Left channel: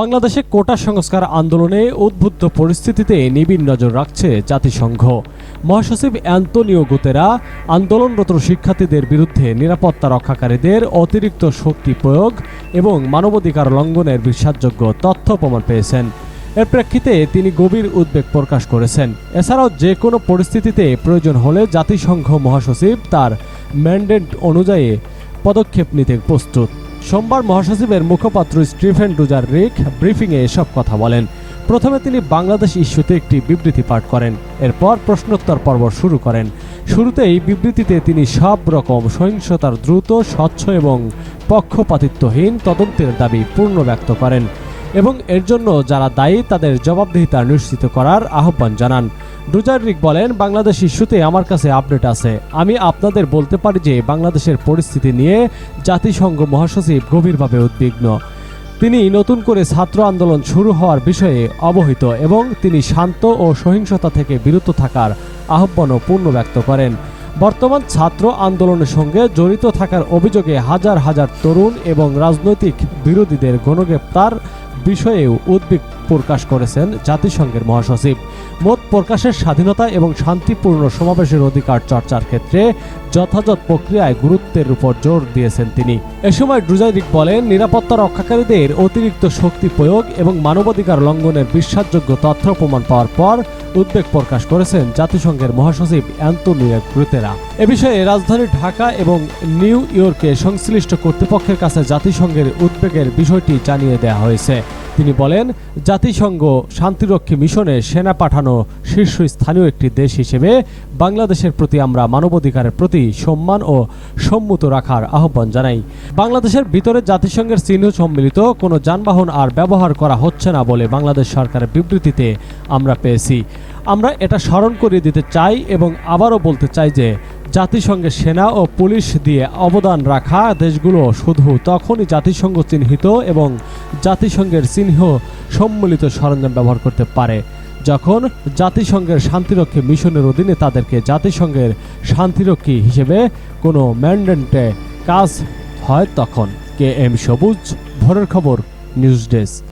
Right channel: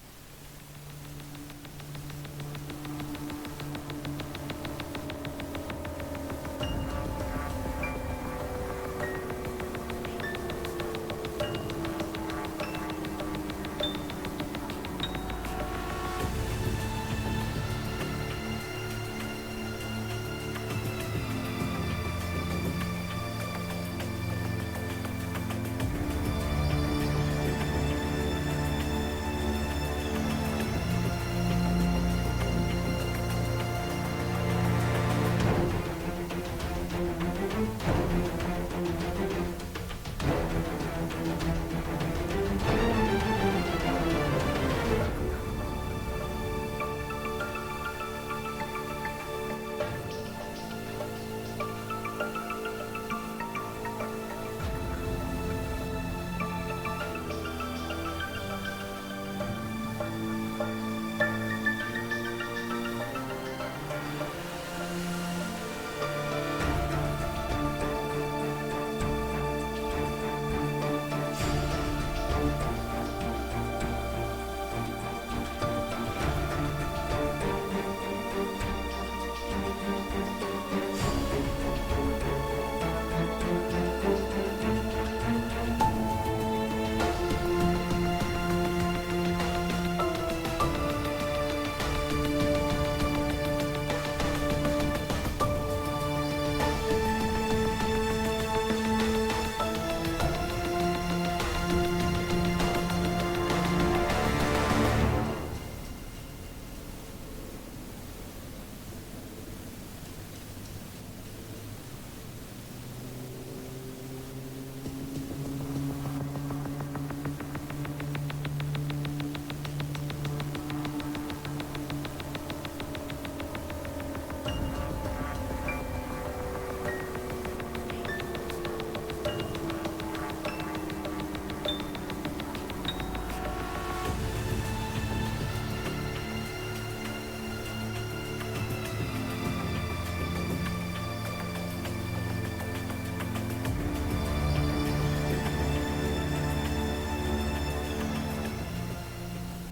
বাংলাদেশে কোটা সংস্কার আন্দোলনে উদ্বুদ্ধ পরিস্থিতিতে নিবিড় নজর রাখছে জাতিসংঘ। মহাসচিব অ্যান্তনিও গুতেরা আন্দোলনরত শিক্ষার্থীদের বিরুদ্ধে নিরাপত্তা রক্ষাকারীদের অতিরিক্ত শক্তি প্রয়োগ এবং মানবাধিকার লঙ্ঘনের বিশ্বাসযোগ্য তথ্য প্রমাণ পেয়েছেন। এর প্রেক্ষিতে তিনি গভীর উদ্বেগ প্রকাশ করেছেন। এছাড়াও যে কোনো পরিস্থিতিতে প্রয়োজন হলে জাতিসংঘ মহাসচিব তার ম্যান্ডেট অনুযায়ী পদক্ষেপ নিতে প্রস্তুত। সোমবার মহাসচিবের মুখপাত্র স্টিফেন ডুজার রিক ব্রিফিংয়ে এসব কথা বলেন। প্রথমে তিনি বাংলাদেশ ইস্যুতে একটি বিবৃতি পাঠ করেন, এরপর প্রশ্নোত্তর পর্ব শুরু করেন। শুরুতেই বিবৃতিতে তিনি সব রকম সহিংসতার দ্রুত, স্বচ্ছ এবং পক্ষপাতিত্বহীন তদন্তের দাবি পূর্ণ ব্যক্ত করেন এবং এর জন্য যারা দায়ী তাদের জবাবদিহিতা নিশ্চিত করার আহ্বান জানান। ডুজারিক বলেন, বাংলাদেশ ইস্যুতে আমার কাছে আপডেট আছে। আমি আপনাদের বলতে পারি যে বাংলাদেশের পরিস্থিতি নিয়ে জাতিসংঘ মহাসচিব গভীরভাবে উদ্বিগ্ন। তিনি নতুন করে ছাত্র আন্দোলন শুরু হওয়ার বিষয়ে অবহিত এবং তিনি শান্ত ও সহিংসতা থেকে বিরত থাকার আহ্বানও পূর্ণ ব্যক্ত করেন। বর্তমান ছাত্র আন্দোলনের সঙ্গে জড়িত থাকার অভিযোগে হাজার হাজার তরুণ এবং রাজনৈতিক বিরোধীদের গণগ্রেপ্তার বিষয়েও উদ্বেগ প্রকাশ করেছেন জাতিসংঘের মহাসচিব। মত প্রকাশের স্বাধীনতা এবং শান্তিপূর্ণ সমাবেশের অধিকার চর্চার ক্ষেত্রে যথাযথ প্রক্রিয়ায় গুরুত্বের উপর জোর দিয়েছেন তিনি। এ সময় ড্রুজাইরিক বলেন, নিরাপত্তা রক্ষাকারীদের অতিরিক্ত শক্তি প্রয়োগ এবং মানবাধিকার লঙ্ঘনের বিশ্বাসযোগ্য তথ্য প্রমাণ পাওয়ার পর উদ্বেগ প্রকাশ করেছেন জাতিসংঘের মহাসচিব অ্যান্তনিও গ্রুতেরা এ বিষয়ে রাজধানী ঢাকা এবং নিউ ইয়র্কে সংশ্লিষ্ট কর্তৃপক্ষের কাছে জাতিসংঘের উদ্বেগের বিষয়টি জানিয়ে দেওয়া হয়েছে। তিনি বলেন, জাতিসংঘ শান্তিরক্ষী মিশনে সেনা পাঠানো শীর্ষস্থানীয় একটি দেশ হিসেবে বাংলাদেশের প্রতি আমরা মানবাধিকারের প্রতি সম্মান ও সম্মত রাখার আহ্বান জানাই। বাংলাদেশের ভিতরে জাতিসংঘের চিহ্ন সম্মিলিত কোনো যানবাহন আর ব্যবহার করা হচ্ছে না বলে বাংলাদেশ সরকারের বিবৃতিতে আমরা পেয়েছি। আমরা এটা স্মরণ করিয়ে দিতে চাই এবং আবারও বলতে চাই যে জাতিসংঘের সেনা ও পুলিশ দিয়ে অবদান রাখা দেশগুলো শুধু তখনই জাতিসংঘ চিহ্নিত এবং জাতিসংঘের চিহ্ন সম্মিলিত সরঞ্জাম ব্যবহার করতে পারে। যখন জাতিসংঘের শান্তিরক্ষী মিশনের অধীনে তাদেরকে জাতিসংঘের শান্তিরক্ষী হিসেবে কোনো ম্যান্ডেন্টে কাজ হয় তখন। কে এম সবুজ, ভোরের খবর, নিউজ ডেস্ক।